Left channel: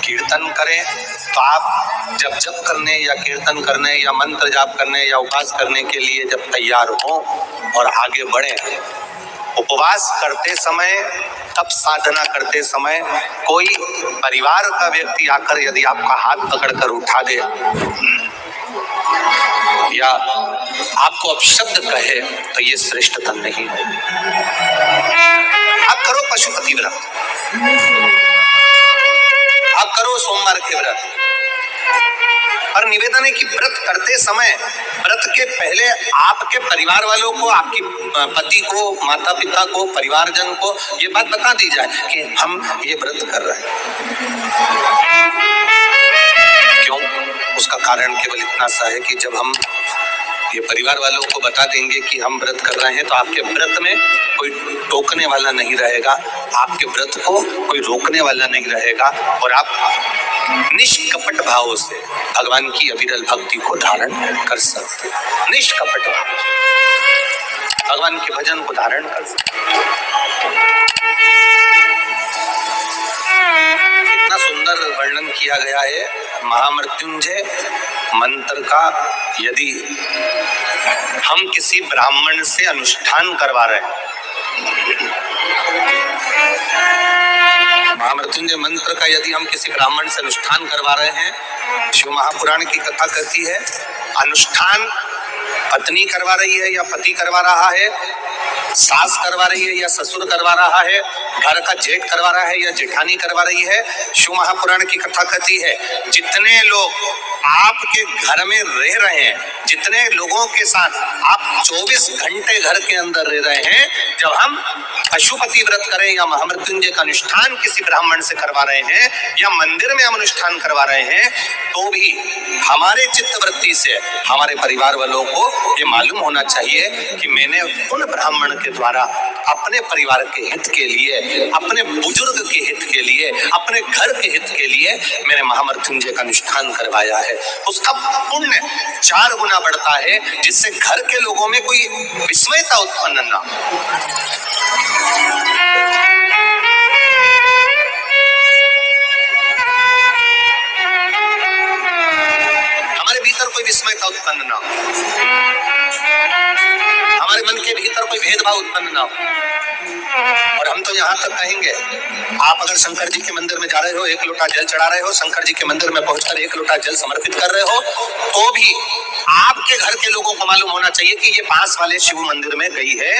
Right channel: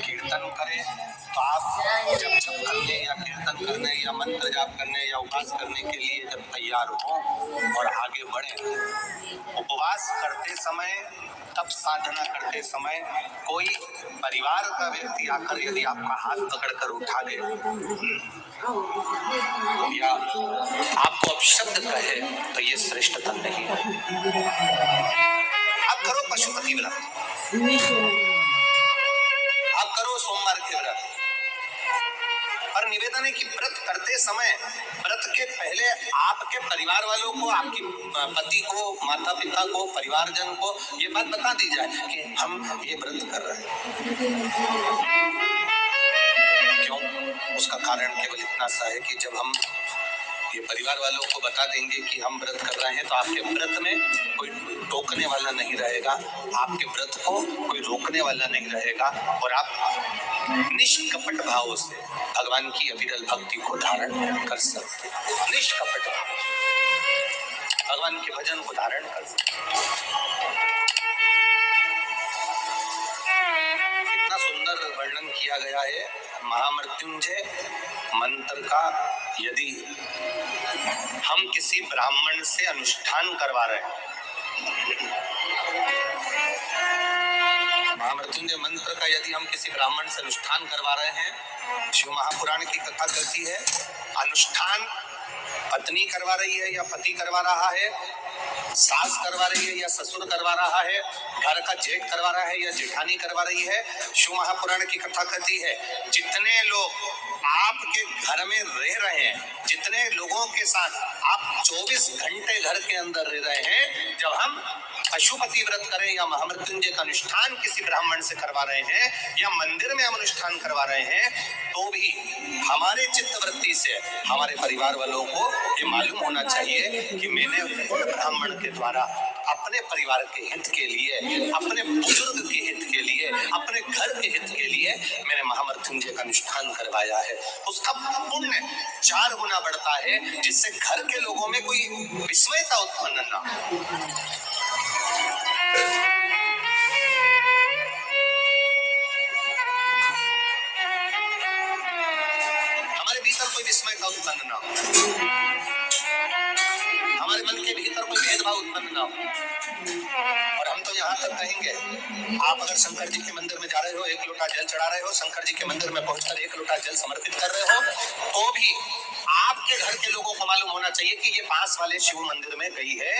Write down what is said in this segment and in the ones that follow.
कीर्तन करें, तो आप जब जप करने या कीर्तन करने या मंत्र जाप करने या उपवास करने के लिए जब तैयार हो और आगे बढ़े, उपवास करते समय, तब साधना करते समय कोई परिवार का व्यक्ति आकर यदि आपका हाथ पकड़कर उठा दे या आपको अपशब्द कहे, तो ये श्रेष्ठता नहीं है। आप करो पशुपति व्रत, आप करो सोमवार के व्रत, और निवेदन है कि व्रत करते समय व्रत के पहले आपके परिवार वालों को, आपकी पति को, माता पिता को, परिवारजन को ये बात बता दी जाए कि हम ये व्रत कर रहे हैं। क्यों? उसका कारण केवल इतना सा है कि जब हम ये परिवार वालों को बता देंगे कि हम व्रत कर रहे हैं, तो आपके व्रत में कोई टोकने वाला नहीं रहेगा, आपके व्रत को कोई रोकने वाला नहीं रहेगा, और आप निष्कपट भाव से भगवान की अविरल भक्ति को धारण कर सकते हैं। निष्कपट भाव भगवान के भजन को धारण कर सकते हैं। इतना सुंदर वर्णन किया गया है महामृत्युंजय मंत्र का। यदि हम किसी ब्राह्मण से अनुष्ठान करवा रहे हैं, महामृत्युंजय मंत्र का यदि हम किसी ब्राह्मण से अनुष्ठान करवा रहे हैं, शिव महापुराण की कथा कहती है, अनुष्ठान पत्नी करवा रही है या पति करवा रहा है, सास करवा रही है या ससुर करवा रहा है, घर का जेठ करवा रहा है या जेठानी करवा रही है, शिव महापुराण की कथा कहती है जितने लोग आपके घर में रह रहे हैं, जितने लोगों के साथ आप 24 घंटे घर के अंदर रह रहे हैं, जब हम पशुपति व्रत करें या महामृत्युंजय का अनुष्ठान किसी ब्राह्मण से करवा रहे हैं या मंदिर में हम अनुष्ठान करवा रहे हैं, तो भी हमारे चित्तवृत्ति से हमारे परिवार वालों को ये मालूम होना चाहिए कि मैंने उन ब्राह्मण के द्वारा अपने परिवार के हित के लिए, अपने बुजुर्ग के हित के लिए, अपने घर के हित के लिए मैंने महामृत्युंजय का अनुष्ठान करवाया है। उसका पुण्य 4 गुना बढ़ता है, जिससे घर के लोगों में कोई विस्मयता उत्पन्न ना हो। हमारे भीतर कोई विस्मयता उत्पन्न ना हो, हमारे मन के भीतर कोई भेदभाव उत्पन्न ना हो। और हम तो यहाँ तक कहेंगे, आप अगर शंकर जी के मंदिर में जा रहे हो, 1 लोटा जल चढ़ा रहे हो, शंकर जी के मंदिर में पहुंचकर 1 लोटा जल समर्पित कर रहे हो, तो भी आपके घर के लोगों को मालूम होना चाहिए कि ये पास वाले शिव मंदिर में गई है,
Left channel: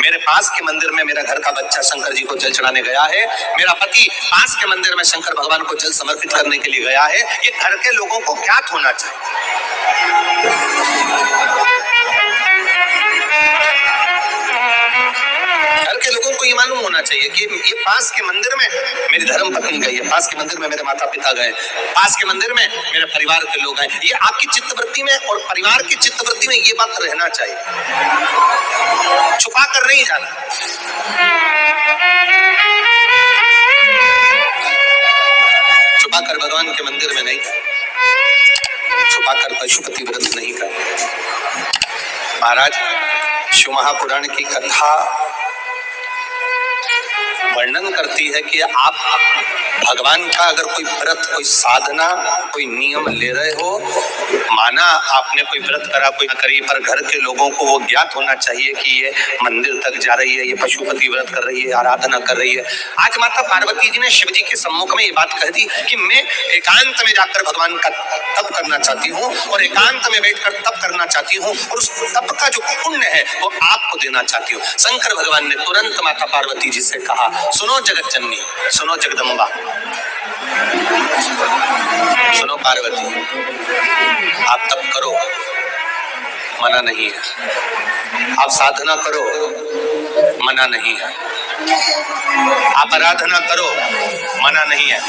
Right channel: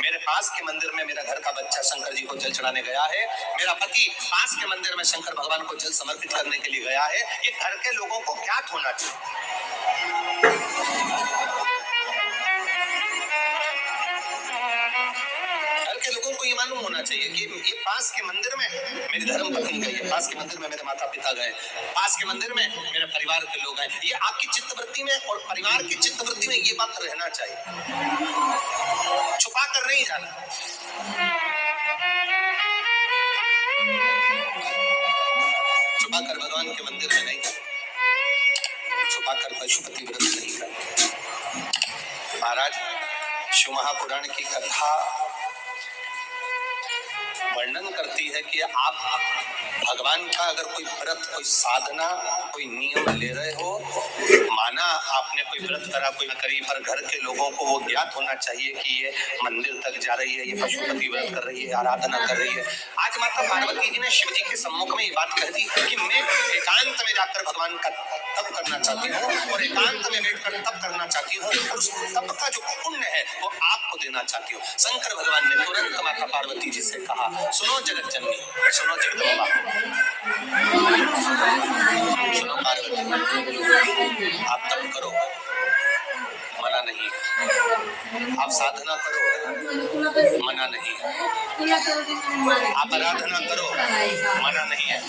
मेरे पास के मंदिर में मेरा घर का बच्चा शंकर जी को जल चढ़ाने गया है, मेरा पति पास के मंदिर में शंकर भगवान को जल समर्पित करने के लिए गया है। ये घर के लोगों को ज्ञात होना चाहिए। के लोगों को ये मालूम होना चाहिए कि ये पास के मंदिर में मेरी धर्म पत्नी गई है, पास के मंदिर में मेरे माता पिता गए, पास के मंदिर में मेरे परिवार के लोग गए। ये आपकी चित्तवृत्ति में और परिवार की चित्तवृत्ति में ये बात रहना चाहिए, छुपा कर नहीं जाना। छुपा कर भगवान के मंदिर में नहीं, छुपा कर पशुपति व्रत नहीं कर। महाराज, शिव महापुराण की कथा वर्णन करती है कि आप भगवान का अगर कोई व्रत, कोई साधना, कोई नियम ले रहे हो, माना आपने कोई व्रत करा, कोई ना करी, पर घर के लोगों को वो ज्ञात होना चाहिए कि ये मंदिर तक जा रही है, ये पशुपति व्रत कर रही है, आराधना कर रही है। आज माता पार्वती जी ने शिव जी के सम्मुख में ये बात कह दी कि मैं एकांत में जाकर भगवान का तप करना चाहती हूँ और एकांत में बैठकर तप करना चाहती हूँ, और उस तप का जो पुण्य है वो आपको देना चाहती हूँ। शंकर भगवान ने तुरंत माता पार्वती जी से कहा, सुनो जगत जननी, सुनो जगदम्बा, सुनो पार्वती, आप तप करो, मना नहीं है, आप साधना करो, मना नहीं है, आप आराधना करो, मना नहीं है,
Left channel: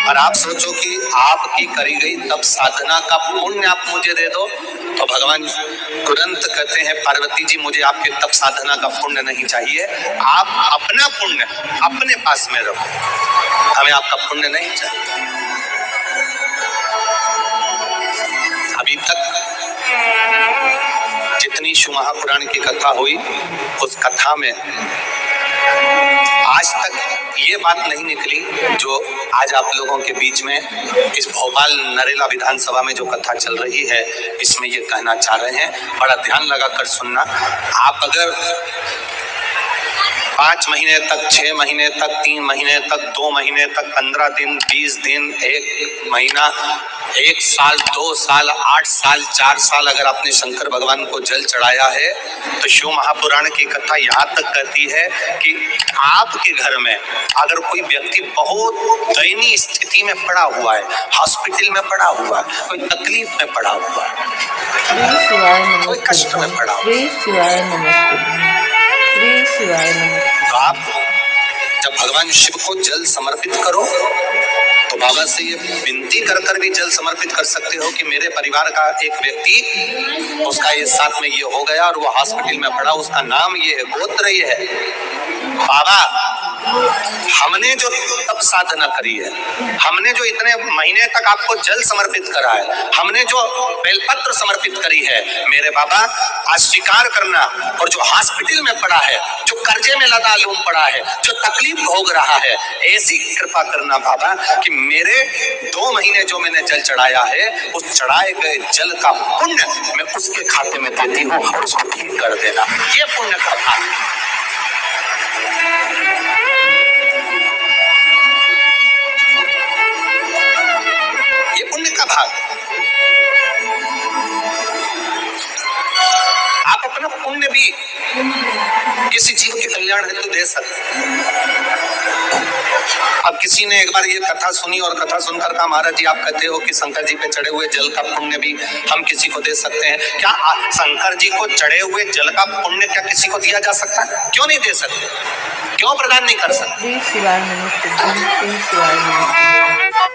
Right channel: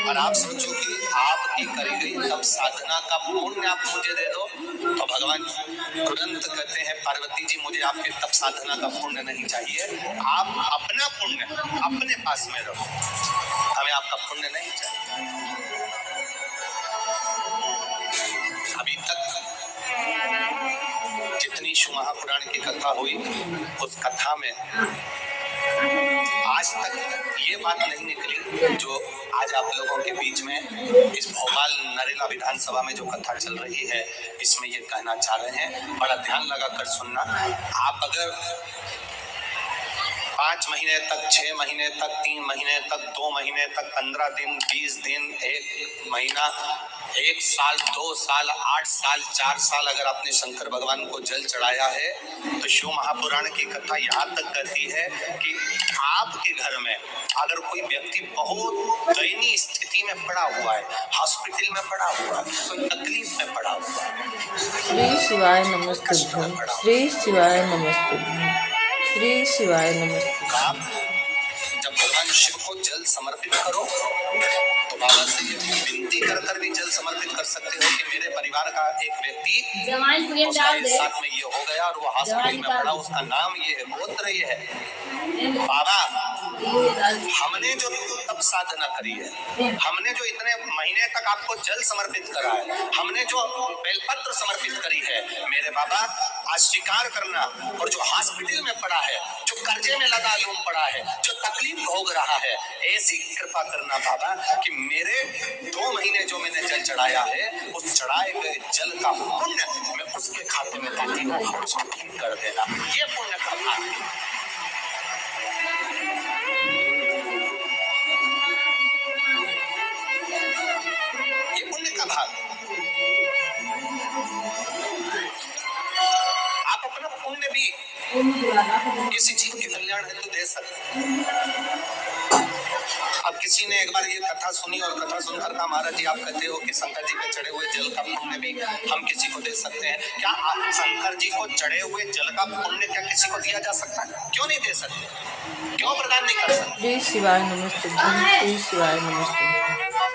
और आप सोचो कि आपकी करी गई तप साधना का पुण्य आप मुझे दे दो, तो भगवान तुरंत कहते हैं, पार्वती जी मुझे आपके तप साधना का पुण्य नहीं चाहिए, आप अपना पुण्य अपने पास में रखो, हमें आपका पुण्य नहीं चाहिए। अभी तक जितनी शिव महापुराण की कथा हुई, उस कथा में आज तक ये बात नहीं निकली जो आज आप लोगों के बीच में इस भोपाल नरेला विधानसभा में जो कथा चल रही है इसमें ये कहना चाह रहे हैं। बड़ा ध्यान लगाकर सुनना। आप अगर 5 महीने तक, 6 महीने तक, 3 महीने तक, 2 महीने तक, 15 दिन, 20 दिन, 1 महीना, 1 साल, 2 साल, 8 साल, 4 साल अगर आपने शंकर भगवान को जल चढ़ाया है तो शिव महापुराण की कथा यहाँ तक कहती है कि आपके घर में अगर कोई व्यक्ति बहुत दयनीय स्थिति में पड़ा हुआ है, हॉस्पिटल में पड़ा हुआ है, कोई तकलीफ में पड़ा हुआ है, श्री शिवाय कोई कष्ट में नमस्ते। पड़ा हुआ श्री शिवाय नमस्ते। श्री शिवाय नमस्ते। तो आप जब भगवान शिव को जल समर्पित करो तो बाबा से ये विनती कर कर भी जल समर्पित कर सकते हो कि मेरे परिवार का एक व्यक्ति, उसका ये साथ में ये हो गया और वो हॉस्पिटल में पड़ा, उसका नाम ये है, गोत्र ये है। बाबा हमने जो तप साधना करी है, हमने जो इतने महीने तक आपको जल समर्पित करा है, हमने जो बेलपत्र समर्पित करी है, मेरे बाबा आज स्वीकार करना। और जो हॉस्पिटल में पड़ा है, जो कर्जे में लदालूम पड़ा है, जो तकलीफ भोग रहा है, ऐसी कृपा करना बाबा कि मेरे 2 महीने जो मैंने जल चढ़ाया है उस चढ़ाए गए जल का पुण्य मैं उसके खाते में देती हूँ और उसको ठीक कर देना। ये पुण्य का भाग, ये पुण्य का भाग। आप अपना पुण्य भी किसी जीव के कल्याण हेतु दे सकते हैं। अब किसी ने एक बार ये कथा सुनी और कथा सुनकर कहा महाराज जी आप कहते हो कि शंकर जी पे चढ़े हुए जल का पुण्य भी हम किसी को दे सकते हैं, क्या शंकर जी को चढ़े हुए जल का पुण्य क्या किसी को दिया जा सकता है? क्यों नहीं दे सकते? क्यों प्रदान नहीं कर सकते? श्री शिवाय नमस्ते। श्री शिवाय नमस्ते।